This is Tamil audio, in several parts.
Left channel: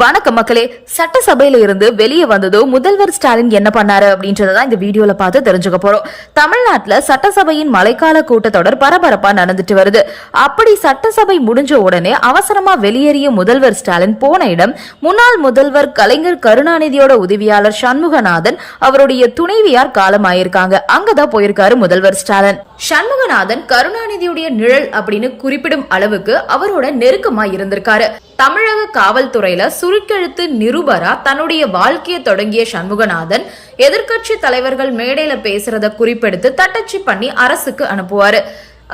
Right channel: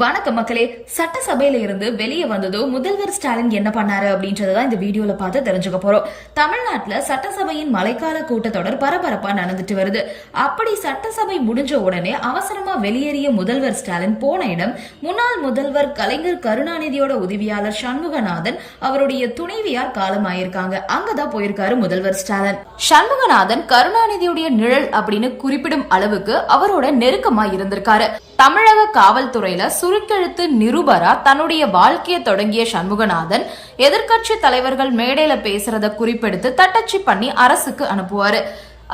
வணக்கம் மக்களே. சட்டசபையில இருந்து வெளியே வந்ததோ முதல்வர் ஸ்டாலின் என்ன பண்ணாரு அப்படின்றதான் இந்த வீடியோல பார்த்து தெரிஞ்சுக்க போறோம். தமிழ்நாட்டுல சட்டசபையின் மழைக்கால கூட்டத்தொடர் பரபரப்பா நடந்துட்டு வருது. அப்படி சட்டசபை முடிஞ்ச உடனே அவசரமா வெளியேறிய முதல்வர் ஸ்டாலின் போன இடம் முன்னாள் முதல்வர் கலைஞர் கருணாநிதியோட உதவியாளர் சண்முகநாதன் அவருடைய துணைவியார் காலமாயிருக்காங்க. அங்கதான் போயிருக்காரு முதல்வர் ஸ்டாலின். சண்முகநாதன் கருணாநிதியுடைய நிழல் அப்படின்னு குறிப்பிடும் அளவுக்கு அவரோட நெருக்கமா இருந்திருக்காரு தமிழக காவல்துறையில சுருக்கெழுத்து நிருபரா தன்னுடைய வாழ்க்கையை தொடங்கிய சண்முகநாதன்? எதிர்க்கட்சி தலைவர்கள் மேடையில பேசுறத குறிப்பெடுத்து தட்டச்சு பண்ணி அரசுக்கு அனுப்புவாரு.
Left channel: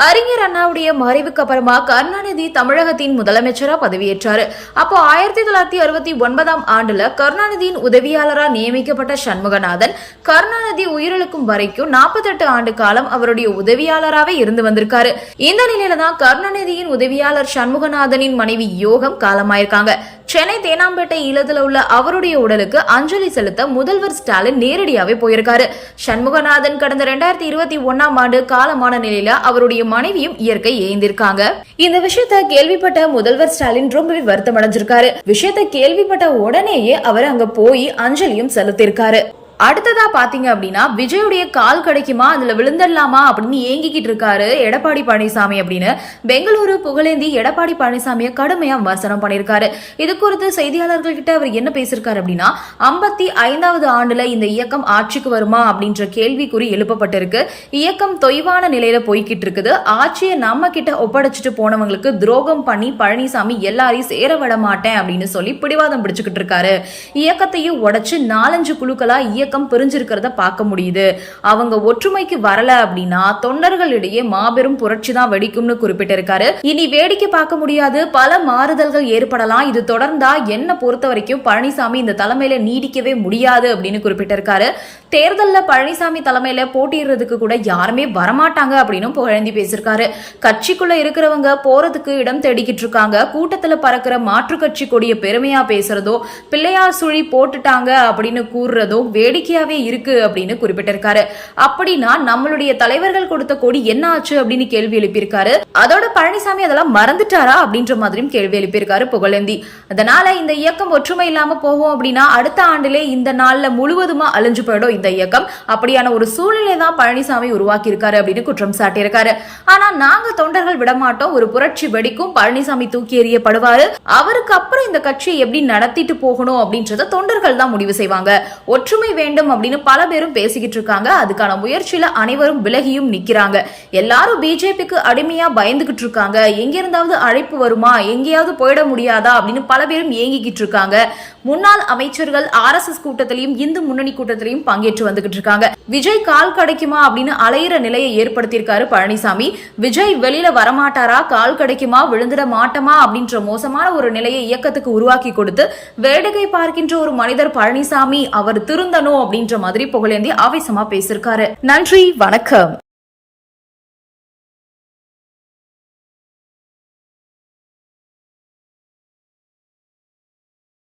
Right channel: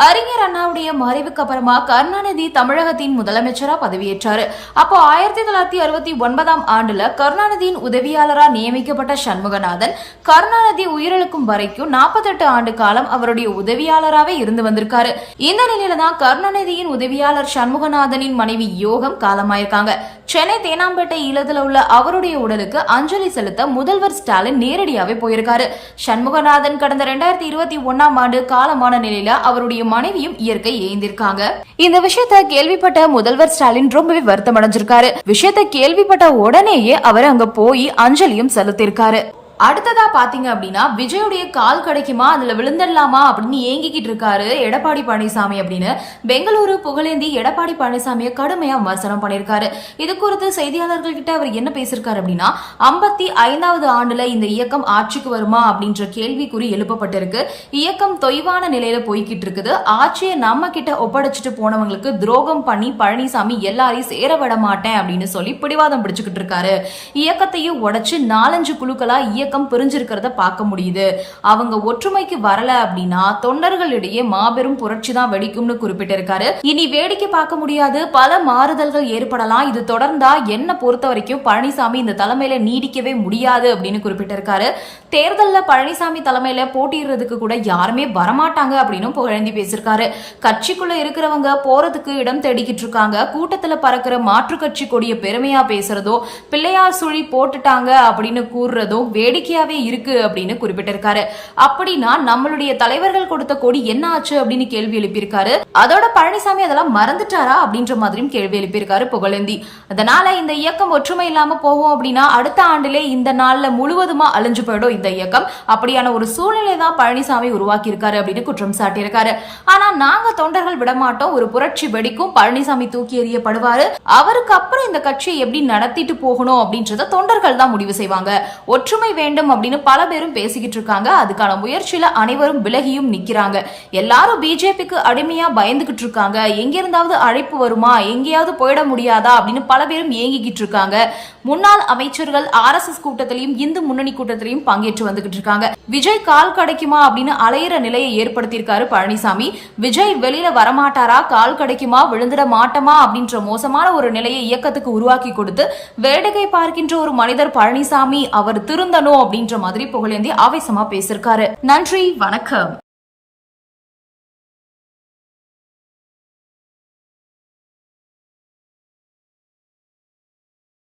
அறிஞர் அண்ணாவுடைய மறைவுக்கு அப்புறமா கருணாநிதி தமிழகத்தின் முதலமைச்சரா பதவியேற்றாரு. அப்போ ஆயிரத்தி தொள்ளாயிரத்தி அறுபத்தி ஒன்பதாம் ஆண்டுல கருணாநிதியின் உதவியாளரா நியமிக்கப்பட்ட சண்முகநாதன் கருணாநிதி உயிரிழக்கும் வரைக்கும் நாற்பத்தெட்டு ஆண்டு காலம் அவருடைய உதவியாளராகவே இருந்து வந்திருக்காரு. இந்த நிலையில தான் கருணாநிதியின் உதவியாளர் சண்முகநாதனின் மனைவி யோகம் காலமாயிருக்காங்க. சென்னை தேனாம்பேட்டை ஈழத்தில் உள்ள அவருடைய உடலுக்கு அஞ்சலி செலுத்த முதல்வர் ஸ்டாலின் நேரடியாகவே போயிருக்காரு. சண்முகநாதன் கடந்த ரெண்டாயிரத்தி இருபத்தி ஒன்னாம் ஆண்டு காலமான நிலையில அவருடைய மனைவியும் இயற்கை ஏந்திருக்காங்க. இந்த விஷயத்த கேள்விப்பட்ட முதல்வர் ஸ்டாலின் ரொம்பவே வருத்தம் அடைஞ்சிருக்காரு விஷயத்த கேள்விப்பட்ட உடனேயே அவர் அங்க போய் அஞ்சலியும் செலுத்திருக்காரு அடுத்ததா பாத்தீங்க அப்படின்னா விஜயுடைய கால் கிடைக்குமா அதுல விழுந்துடலாமா அப்படின்னு ஏங்கிக்கிட்டு இருக்காரு எடப்பாடி பழனிசாமி அப்படின்னு. பெங்களூரு புகழேந்தி எடப்பாடி பழனிசாமியை கடுமையா விமர்சனம் பண்ணியிருக்காரு. இது குறித்து செய்தியாளர்கள் கிட்ட அவர் என்ன பேசியிருக்காரு அப்படின்னா ஐம்பத்தி ஐந்தாவது ஆண்டுல இந்த இயக்கம் ஆட்சிக்கு வருமா அப்படின்ற கேள்விக்குறி எழுப்பப்பட்டிருக்கு. இயக்கம் தொய்வான நிலையில போய்கிட்டு இருக்குது. ஆட்சியை நம்ம கிட்ட ஒப்படைச்சிட்டு போனவங்களுக்கு துரோகம் பண்ணி பழனிசாமி எல்லாரையும் சேர விட மாட்டேன் அப்படின்னு சொல்லி பிடிவாதம் பிடிச்சுக்கிட்டு இருக்காரு. இயக்கத்தையும் உடைச்சு நாலஞ்சு குழுக்களா இயக்கம் பிரிஞ்சிருக்கிறத பார்க்க முடியுது. அவங்க ஒற்றுமைக்கு வரல அப்படின்னா தொண்டர்களிடையே மாபெரும் புரட்சி தான் வெடிக்கும்னு குறிப்பிட்டிருக்காரு. இனி வேடிக்கை பார்க்க முடியாது. பல மாறுதல்கள் ஏற்படலாம். இது தொடர்ந்தா என்ன பொறுத்த வரைக்கும் பழனிசாமி இந்த தலைமையில நீடிக்கவே முடியாது அப்படின்னு குறிப்பிட்டிருக்காரு. தேர்தல்ல பழனிசாமி தலைமையில போட்டியிடுறதுக்கு கூட யாருமே வரமாட்டாங்க அப்படின்னு புகழேந்தி பேசியிருக்காரு. கட்சிக்குள்ள இருக்கிறவங்க போறதுக்கு இடம் தேடிக்கிட்டு இருக்காங்க. கூட்டத்துல பறக்கிற மாற்று கட்சி கொடிய பெருமையா பேசுறதோ பிள்ளையார் சுழி போட்டுட்டாங்க அப்படின்னு கூறுறதோ வேடிக்கையாவே இருக்கு அப்படின்னு குறிப்பிட்டிருக்காரு. அப்படின்னா நம்மளுடைய தலைவர்கள் கொடுத்த கொடி என்ன ஆச்சு அப்படின்னு கேள்வி எழுப்பியிருக்காரு. அதோட பழனிசாமி அதெல்லாம் மறந்துட்டாரா அப்படின்ற மாதிரியும் கேள்வி எழுப்பியிருக்காரு புகழேந்தி. அதனால இந்த இயக்கம் ஒற்றுமை இல்லாம போகும் அப்படின்னா அடுத்த ஆண்டிலே இந்த நாள்ல முழுவதுமா அழிஞ்சு போயிடும் இந்த இயக்கம். அப்படியான ஒரு சூழ்நிலை தான் பழனிசாமி உருவாக்கி இருக்காரு அப்படின்னு குற்றம் சாட்டியிருக்காரு. ஆனா நாங்க தொண்டர்கள் விடமாட்டோம். ஒரு புரட்சி வெடிக்கும் பழனிசாமி தூக்கி எறியப்படுவாரு. அவருக்கு அப்புறம் இந்த கட்சியை எப்படி நடத்திட்டு போகணும் அப்படின்றத தொண்டர்கள் தான் முடிவு செய்வாங்க. ஒற்றுமை வேண்டும் அப்படின்னு பல பேரும் பேசிக்கிட்டு இருக்காங்க. அதுக்கான முயற்சியில அனைவரும் விலகியும் நிக்கிறாங்க. எல்லாரும் பிஜேபிக்கு அடிமையா பயந்துகிட்டு இருக்காங்க. எங்கிருந்தாவது அழைப்பு வருமா? எங்கேயாவது போயிட முடியாதா? அப்படின்னு பல பேரும் ஏங்கிக்கிட்டு இருக்காங்க. முன்னாள் அமைச்சர்கள் ஆர் எஸ் எஸ் கூட்டத்திலையும் இந்து முன்னணி கூட்டத்திலையும் பங்கேற்று வந்துகிட்டு இருக்காங்க. விஜய் கால் கிடைக்குமா? அப்படின்னு அலையிற நிலையை ஏற்படுத்தியிருக்காரு பழனிசாமி. விஜய் வெளியில வரமாட்டாரா? கால் கிடைக்குமா? விழுந்துட மாட்டமா? அப்படின்ற மோசமான ஒரு நிலையை இயக்கத்துக்கு உருவாக்கி கொடுத்து வேடிக்கை பார்க்கின்ற ஒரு மனிதர் பழனிசாமி. அவர் திருந்தனும் திருந்தணும் அப்படின்ற மாதிரி புகழேந்தி ஆவேசமா பேசியிருக்காரு. நன்றி வணக்கம்.